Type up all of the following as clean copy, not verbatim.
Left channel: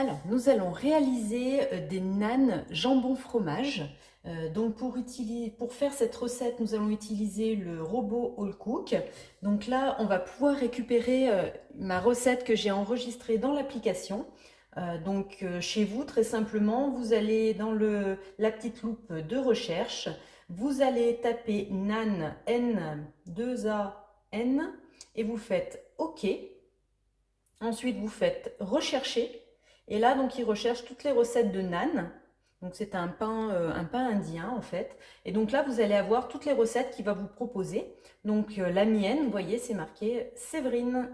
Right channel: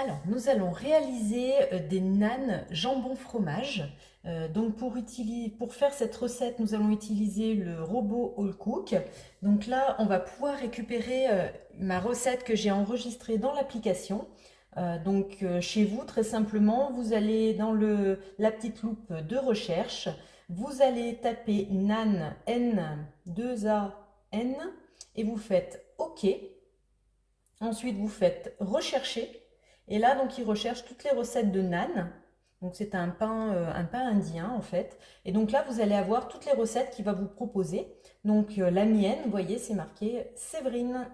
Alors, nous allons réaliser des nanes jambon fromage. Donc, pour faire cette recette, nous allons utiliser le robot All Cook. Donc là, on va pouvoir récupérer ma recette que j'ai enregistrée dans l'application. Chez vous, très simplement, vous allez dans la petite loupe de recherche. Vous allez taper nan, N2AN, et vous faites OK. Ensuite, vous faites rechercher. Et là, donc, il recherche toutes les recettes de naan. Donc, c'est un pain indien, en fait. Et donc là, vous allez avoir toutes les recettes qu'il va vous proposer. Donc, la mienne, vous voyez, c'est marqué Séverine.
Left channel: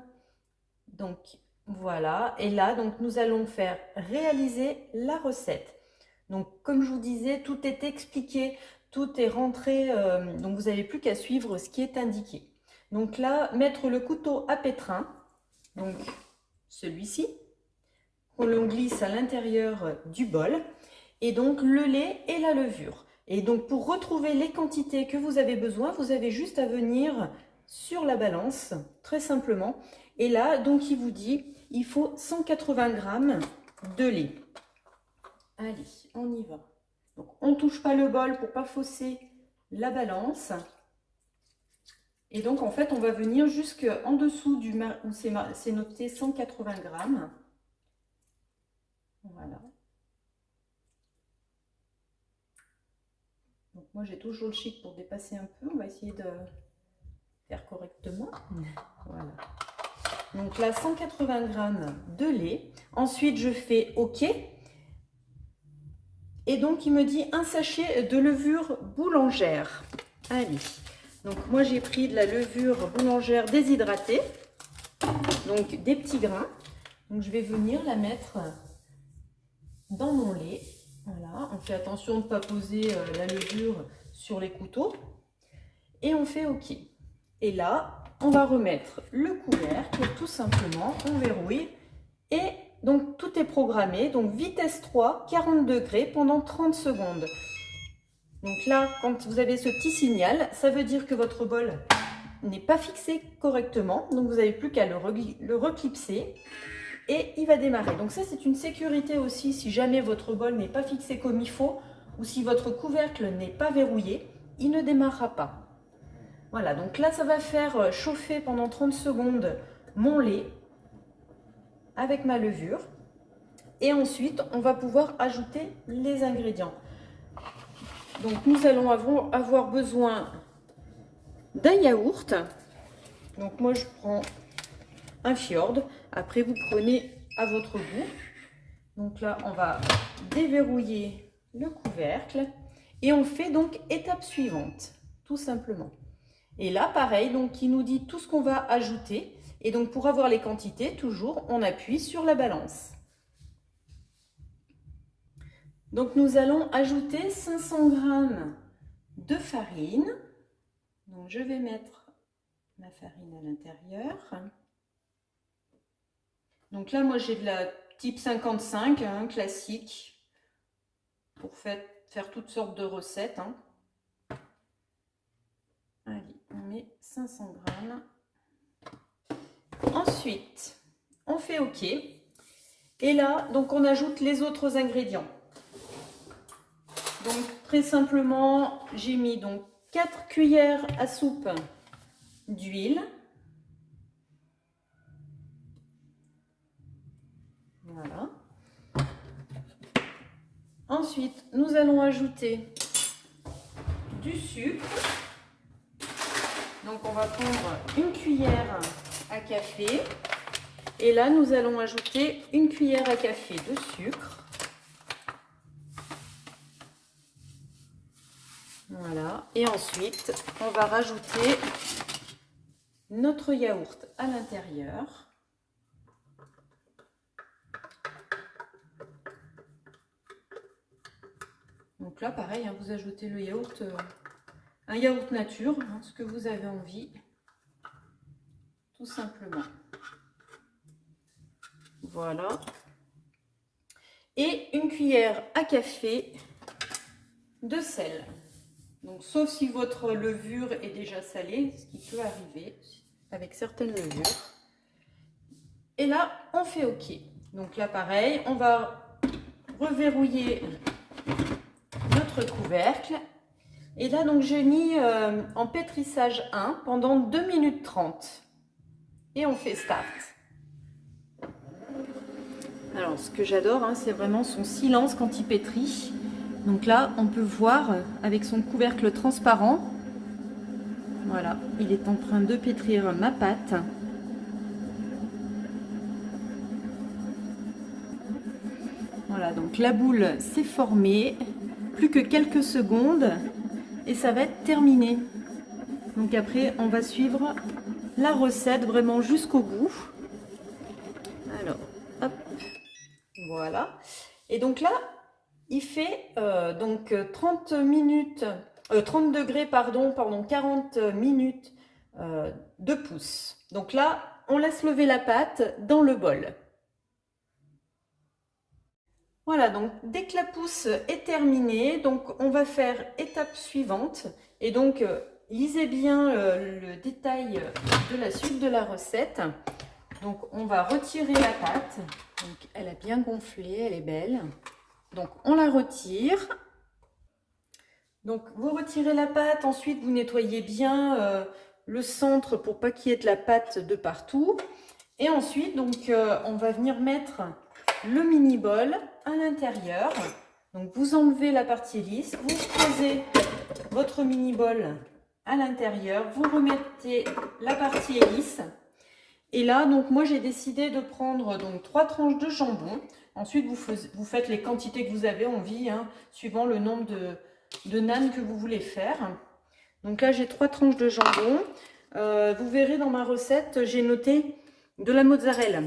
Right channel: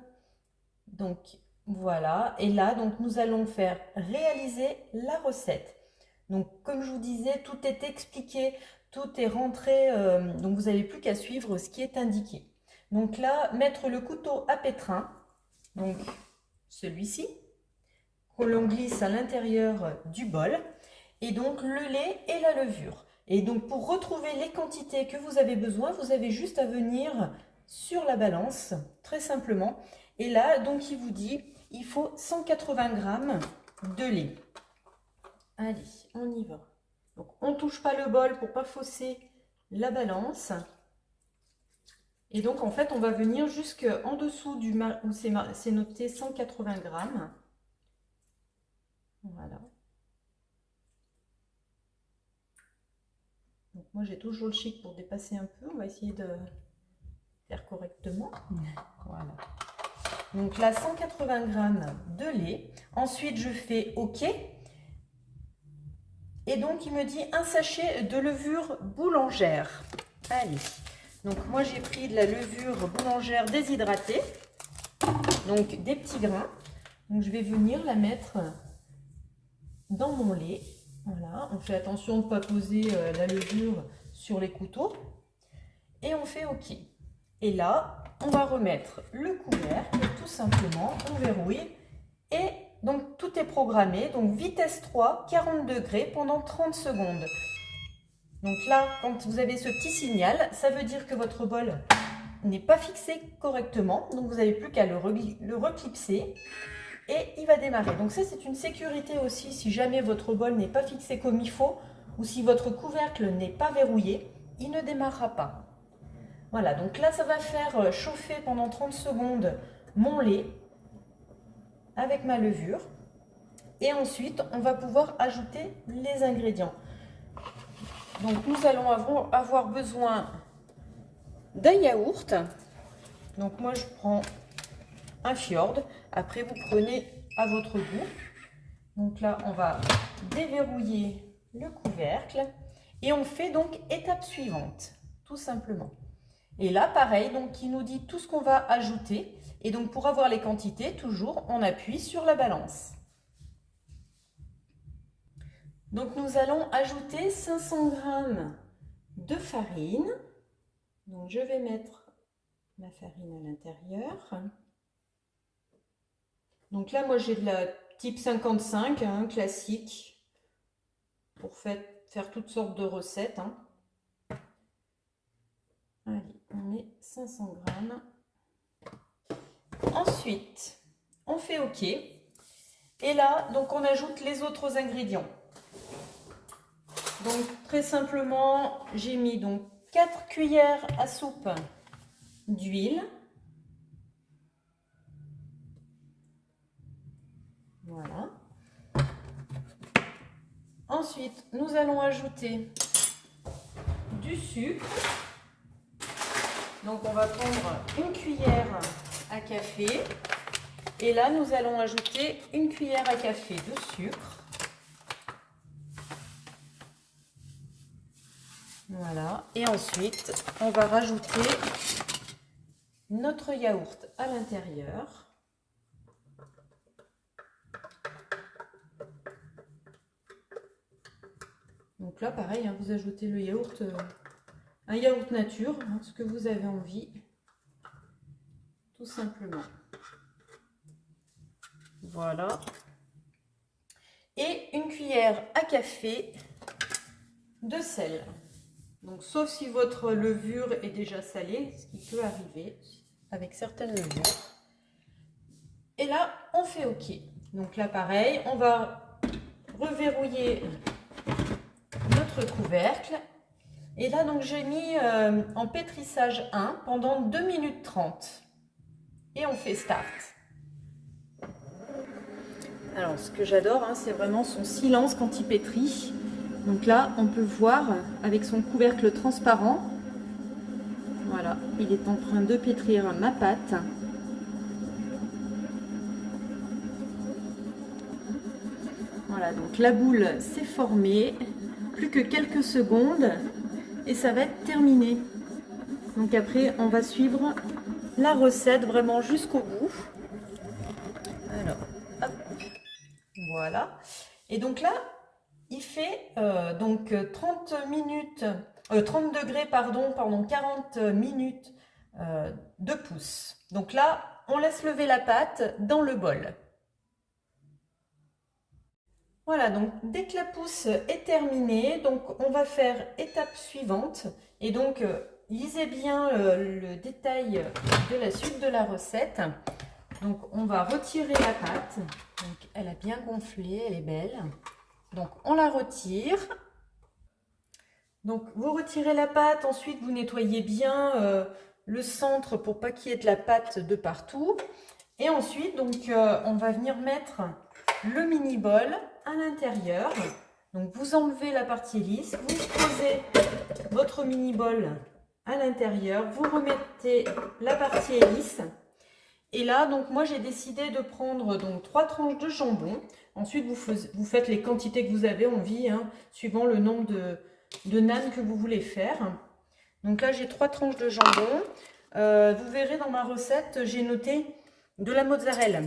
Donc, voilà. Et là, donc, nous allons faire réaliser la recette. Donc, comme je vous disais, tout est expliqué, tout est rentré. Donc, vous n'avez plus qu'à suivre ce qui est indiqué. Donc là, mettre le couteau à pétrin. Donc, celui-ci, qu'on glisse à l'intérieur du bol, et donc le lait et la levure. Et donc pour retrouver les quantités que vous avez besoin, vous avez juste à venir sur la balance, très simplement. Et là, donc il vous dit, il faut 180 grammes de lait. Allez, on y va. Donc on ne touche pas le bol pour ne pas fausser la balance. Et donc, en fait, on va venir jusqu'en dessous où c'est noté 180 grammes. Voilà. Donc, moi, j'ai toujours le chic pour dépasser un peu. On va essayer de faire correctement. Voilà. Donc là, 180 grammes de lait. Ensuite, je fais OK. Et donc, il me dit un sachet de levure boulangère. Allez. Donc moi j'ai pris de la levure boulangère déshydratée, donc des petits grains. Donc je vais venir la mettre dans mon lait. Voilà, on fait attention de ne pas poser la levure sur les couteaux. Et on fait OK. Et là, on va remettre le couvercle, tout simplement, on verrouille. Et donc tout est programmé, donc vitesse 3, 40 degrés pendant 30 secondes. Donc là, quand vous avez ce petit signal, ça veut dire que votre bol n'est pas fixé correctement. Donc vous n'avez plus qu'à le reclipser et il va démarrer. Donc ça, c'est une sécurité aussi si jamais votre bol n'est pas fixé comme il faut ou si votre couvercle n'est pas verrouillé, il ne démarrera pas. Voilà, donc là, ça va faire chauffer pendant 30 secondes mon lait avec ma levure. Et ensuite, on va pouvoir ajouter les ingrédients. Donc nous allons avoir besoin d'un yaourt. Donc moi je prends un Fjord. Après vous prenez à votre goût. Donc là on va déverrouiller le couvercle. Et on fait donc étape suivante, tout simplement. Et là pareil, donc il nous dit tout ce qu'on va ajouter. Et donc pour avoir les quantités, toujours on appuie sur la balance. Donc nous allons ajouter 500 g de farine. Donc je vais mettre ma farine à l'intérieur. Donc là moi j'ai de la type 55, hein, classique, pour faire toutes sortes de recettes. Hein. Allez, on met 500 g. Ensuite, on fait OK. Et là, donc on ajoute les autres ingrédients. Donc très simplement, j'ai mis donc 4 cuillères à soupe d'huile. Voilà. Ensuite, nous allons ajouter du sucre. Donc on va prendre une cuillère à café. Et là, nous allons ajouter une cuillère à café de sucre. Voilà, et ensuite on va rajouter notre yaourt à l'intérieur. Donc là pareil, hein, vous ajoutez le yaourt, un yaourt nature, hein, ce que vous avez envie, tout simplement. Voilà. Et une cuillère à café de sel. Donc, sauf si votre levure est déjà salée, ce qui peut arriver avec certaines levures. Et là, on fait OK. Donc là, pareil, on va reverrouiller notre couvercle. Et là, donc, j'ai mis en pétrissage 1 pendant 2 minutes 30. Et on fait start. Alors, ce que j'adore, hein, c'est vraiment son silence quand il pétrit. Donc là, on peut voir avec son couvercle transparent. Voilà, il est en train de pétrir ma pâte. Voilà, donc la boule s'est formée. Plus que quelques secondes et ça va être terminé. Donc après, on va suivre la recette vraiment jusqu'au bout. Alors, hop, voilà. Et donc là, il fait donc 30 degrés, pardon, pendant 40 minutes de pouce. Donc là, on laisse lever la pâte dans le bol. Voilà, donc dès que la pousse est terminée, donc on va faire étape suivante. Et donc, lisez bien le détail de la suite de la recette. Donc, on va retirer la pâte. Donc, elle a bien gonflé, elle est belle. Donc, on la retire. Donc, vous retirez la pâte. Ensuite, vous nettoyez bien le centre pour pas qu'il y ait de la pâte de partout. Et ensuite, donc, on va venir mettre le mini bol à l'intérieur. Donc, vous enlevez la partie lisse, vous posez votre mini bol à l'intérieur, vous remettez la partie lisse. Et là, donc moi j'ai décidé de prendre donc 3 tranches de jambon. Ensuite, vous faites les quantités que vous avez envie, hein, suivant le nombre de nanes que vous voulez faire. Donc là, j'ai 3 tranches de jambon. Vous verrez dans ma recette, j'ai noté de la mozzarella.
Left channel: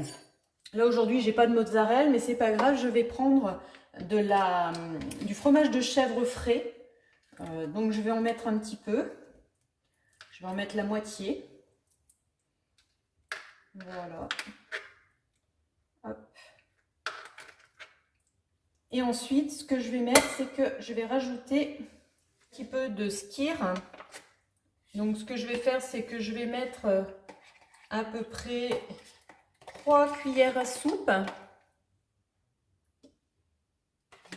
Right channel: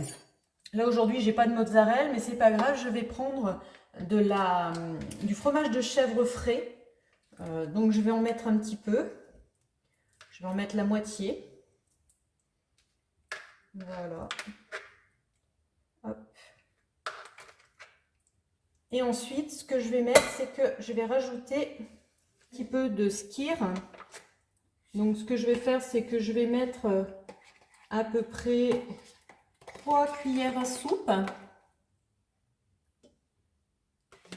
Là, aujourd'hui, j'ai pas de mozzarella, mais c'est pas grave, je vais prendre du fromage de chèvre frais. Donc, je vais en mettre un petit peu. Je vais en mettre la moitié. Voilà. Hop. Et ensuite, ce que je vais mettre, c'est que je vais rajouter un petit peu de skyr. Donc, ce que je vais faire, c'est que je vais mettre à peu près 3 cuillères à soupe.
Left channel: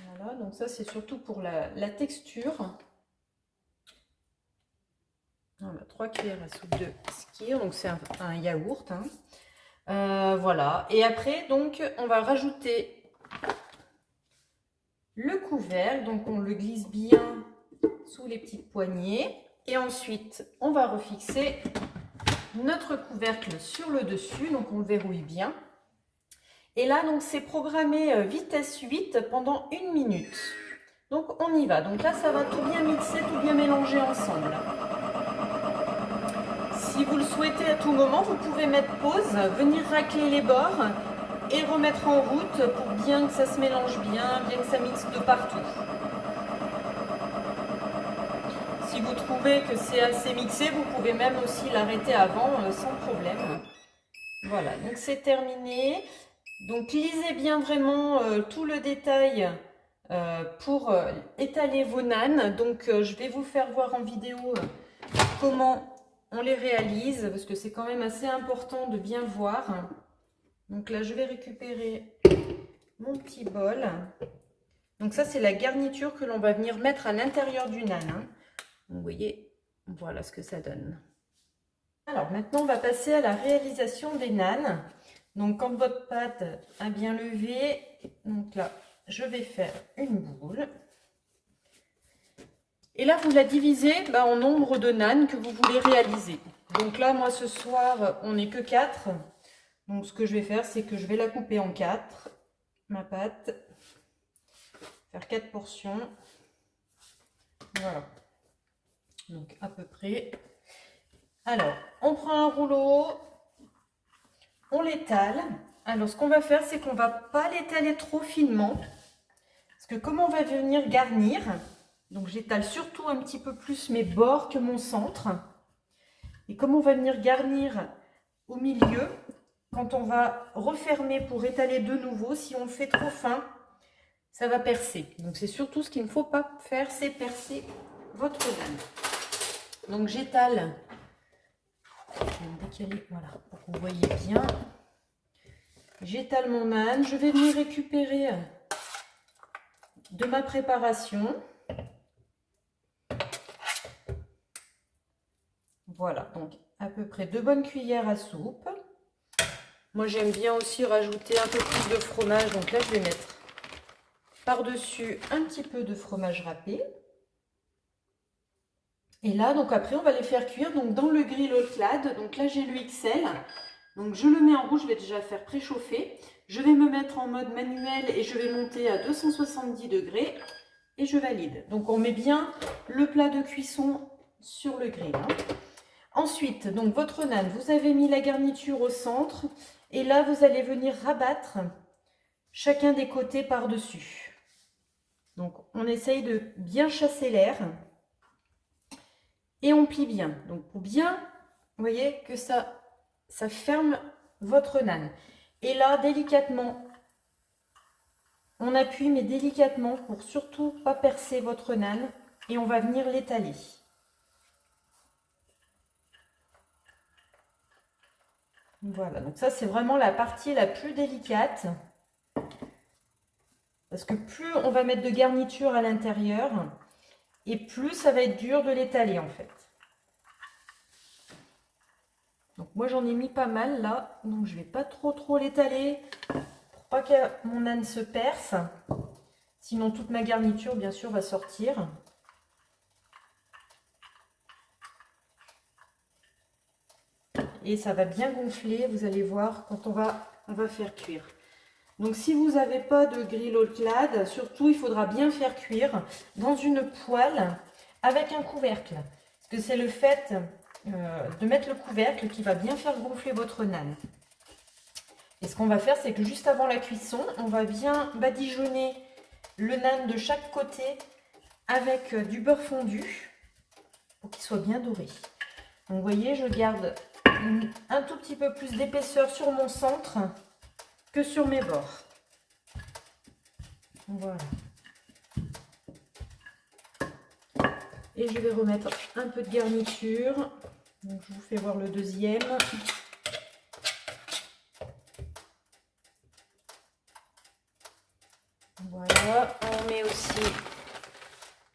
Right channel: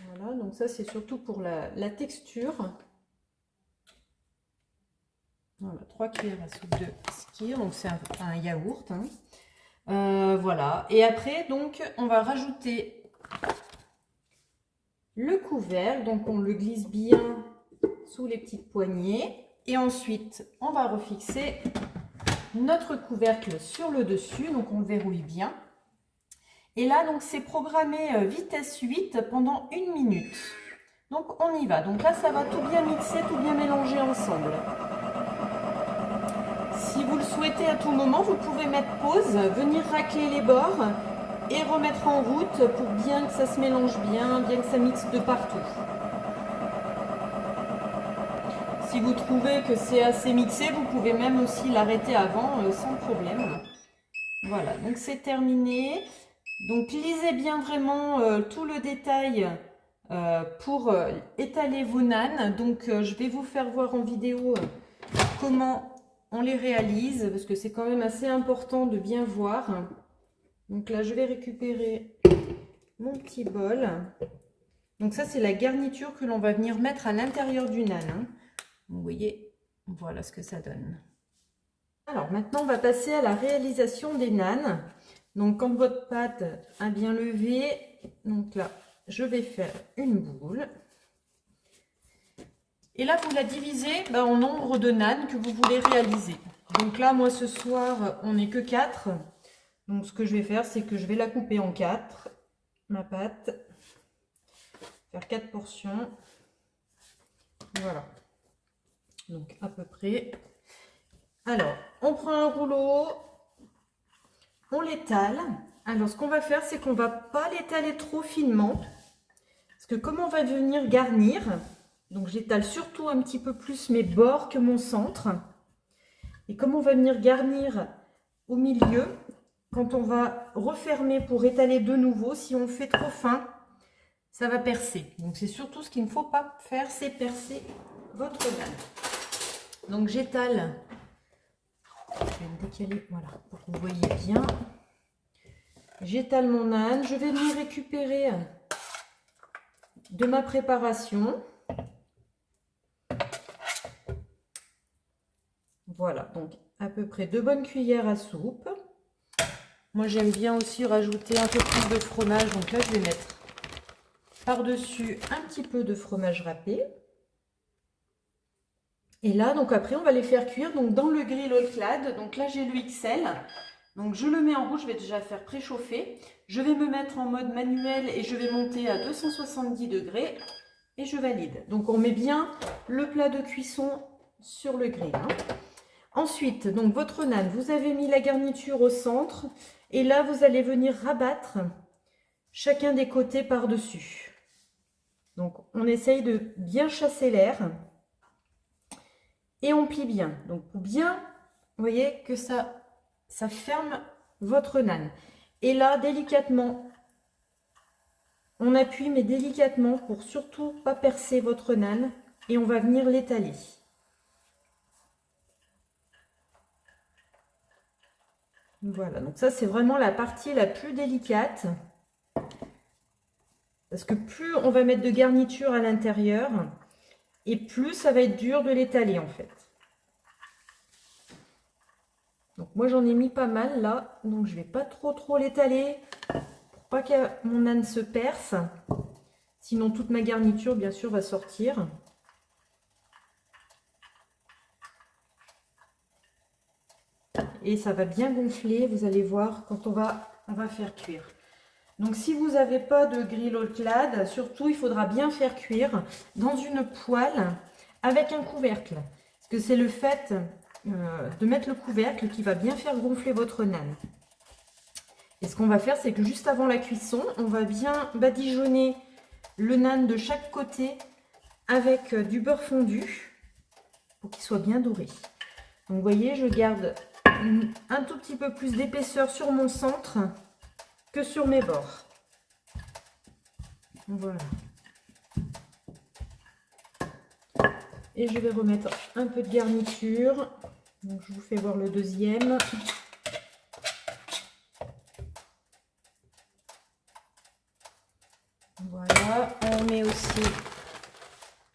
Voilà, donc ça, c'est surtout pour la texture. Voilà, 3 cuillères à soupe de skyr, donc c'est un yaourt. Hein. Voilà, et après, donc, on va rajouter le couvercle, donc on le glisse bien sous les petites poignées. Et ensuite, on va refixer notre couvercle sur le dessus, donc on le verrouille bien. Et là, donc, c'est programmé vitesse 8 pendant 1 minute. Donc, on y va. Donc là, ça va tout bien mixer, tout bien mélanger ensemble. Si vous le souhaitez à tout moment, vous pouvez mettre pause, venir racler les bords et remettre en route pour bien que ça se mélange bien que ça mixe de partout. Si vous trouvez que c'est assez mixé, vous pouvez même aussi l'arrêter avant sans problème. Voilà, donc c'est terminé. Donc lisez bien vraiment tout le détail pour étaler vos nanes. Donc je vais vous faire voir en vidéo comment on les réalise, parce que c'est quand même assez important de bien voir. Donc là, je vais récupérer mon petit bol. Donc ça, c'est la garniture que l'on va venir mettre à l'intérieur du nan. Hein. Vous voyez, voilà ce que ça donne. Alors maintenant, on va passer à la réalisation des nanes. Donc quand votre pâte a bien levé, donc là, je vais faire une boule. Et là, vous la divisez en nombre de nanes que vous voulez réaliser. Donc là, moi, ce soir, on n'est que 4. Donc, ce que je vais faire, c'est que je vais la couper en 4, ma pâte. Faire 4 portions. Voilà. Donc, à peu près. Alors, on prend un rouleau. On l'étale. Alors, ce qu'on va faire, c'est qu'on ne va pas l'étaler trop finement. Parce que comme on va venir garnir... Donc j'étale surtout un petit peu plus mes bords que mon centre. Et comme on va venir garnir au milieu, quand on va refermer pour étaler de nouveau, si on le fait trop fin, ça va percer. Donc c'est surtout ce qu'il ne faut pas faire, c'est percer votre nane. Donc j'étale, je vais me décaler, voilà, pour que vous voyez bien. j'étale mon âne. Je vais venir récupérer de ma préparation. Voilà, donc à peu près 2 bonnes cuillères à soupe. Moi, j'aime bien aussi rajouter un peu plus de fromage. Donc là, je vais mettre par-dessus un petit peu de fromage râpé. Et là, donc après, on va les faire cuire donc dans le grill All-Clad. Donc là, j'ai le XL. Donc je le mets en rouge, je vais déjà faire préchauffer. Je vais me mettre en mode manuel et je vais monter à 270 degrés. Et je valide. Donc on met bien le plat de cuisson sur le grill. Ensuite, donc votre naan, vous avez mis la garniture au centre. Et là, vous allez venir rabattre chacun des côtés par-dessus. Donc on essaye de bien chasser l'air. Et on plie bien. Donc pour bien, vous voyez que ça ferme votre naan. Et là, délicatement, on appuie, mais délicatement pour surtout pas percer votre naan. Et on va venir l'étaler. Voilà, donc ça c'est vraiment la partie la plus délicate. Parce que plus on va mettre de garniture à l'intérieur, et plus ça va être dur de l'étaler en fait. Donc moi j'en ai mis pas mal là, donc je vais pas trop l'étaler pour pas que mon âne se perce. Sinon toute ma garniture bien sûr va sortir. Et ça va bien gonfler, vous allez voir quand on va faire cuire. Donc si vous n'avez pas de grill All-Clad, surtout il faudra bien faire cuire dans une poêle avec un couvercle. Parce que c'est le fait de mettre le couvercle qui va bien faire gonfler votre naan. Et ce qu'on va faire, c'est que juste avant la cuisson, on va bien badigeonner le naan de chaque côté avec du beurre fondu pour qu'il soit bien doré. Donc vous voyez, je garde un tout petit peu plus d'épaisseur sur mon centre que sur mes bords. Voilà. Et je vais remettre un peu de garniture. Donc je vous fais voir le deuxième. Voilà, on met aussi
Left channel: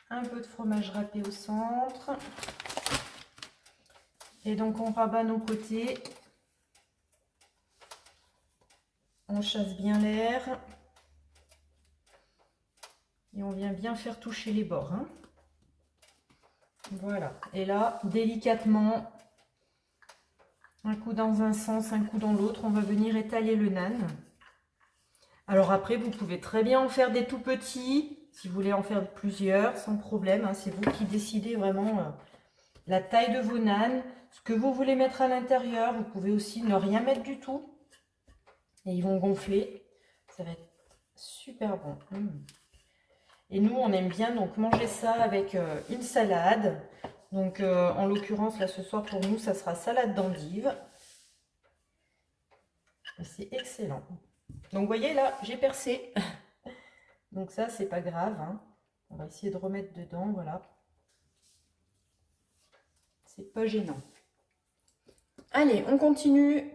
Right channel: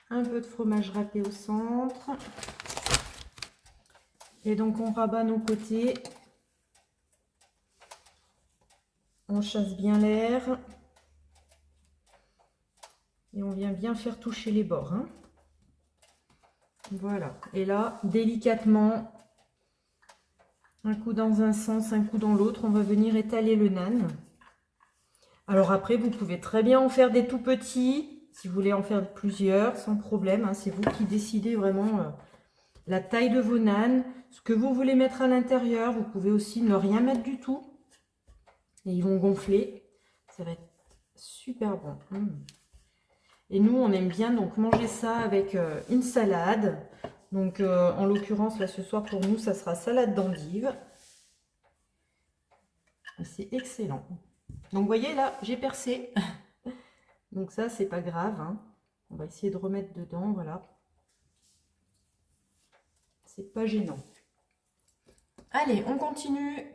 un peu de fromage râpé au centre. Et donc on rabat nos côtés. On chasse bien l'air. Et on vient bien faire toucher les bords. Hein. Voilà. Et là, délicatement, un coup dans un sens, un coup dans l'autre, on va venir étaler le naan. Alors après, vous pouvez très bien en faire des tout petits, si vous voulez en faire plusieurs, sans problème. Hein. C'est vous qui décidez vraiment la taille de vos naans, ce que vous voulez mettre à l'intérieur. Vous pouvez aussi ne rien mettre du tout. Et ils vont gonfler. Ça va être super bon. Et nous, on aime bien donc manger ça avec une salade. Donc, en l'occurrence, là, ce soir, pour nous, ça sera salade d'endive. C'est excellent. Donc, vous voyez, là, j'ai percé. Donc, ça, c'est pas grave. Hein. On va essayer de remettre dedans, voilà. C'est pas gênant. Allez, on continue.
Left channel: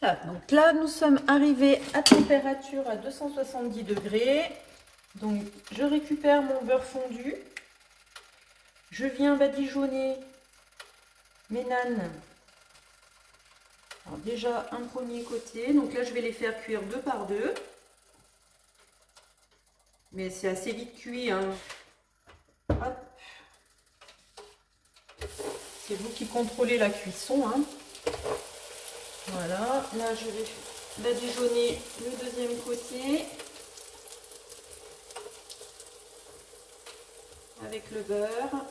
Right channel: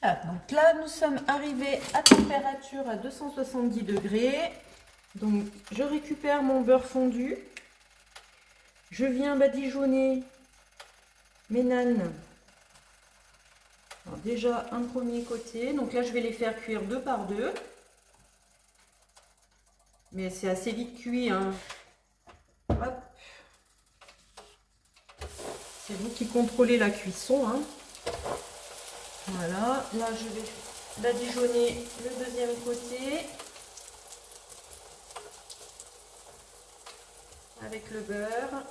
Voilà, donc là, nous sommes arrivés à température à 270 degrés. Donc, je récupère mon beurre fondu. Je viens badigeonner mes naans. Alors déjà, un premier côté. Donc là, je vais les faire cuire 2 par 2. Mais c'est assez vite cuit. Hein. Hop. C'est vous qui contrôlez la cuisson. Hein. Voilà. Là, je vais badigeonner le deuxième côté. Avec le beurre.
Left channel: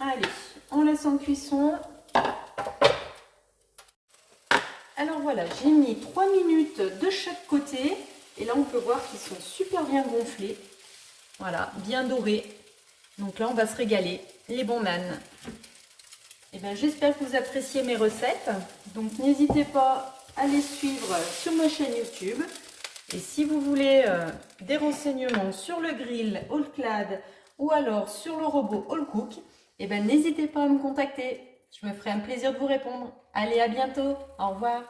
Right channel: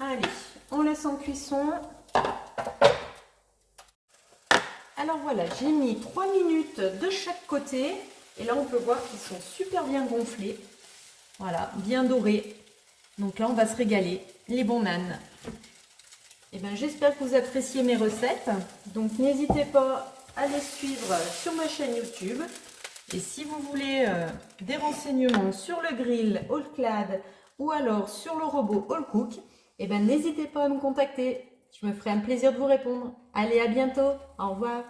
Allez, on laisse en cuisson. Alors voilà, j'ai mis 3 minutes de chaque côté. Et là, on peut voir qu'ils sont super bien gonflés. Voilà, bien dorés. Donc là, on va se régaler. Les bons naans. Et ben, j'espère que vous appréciez mes recettes. Donc, n'hésitez pas à les suivre sur ma chaîne YouTube. Et si vous voulez des renseignements sur le grill All-Clad ou alors sur le robot Allcook, eh ben, n'hésitez pas à me contacter. Je me ferai un plaisir de vous répondre. Allez, à bientôt. Au revoir.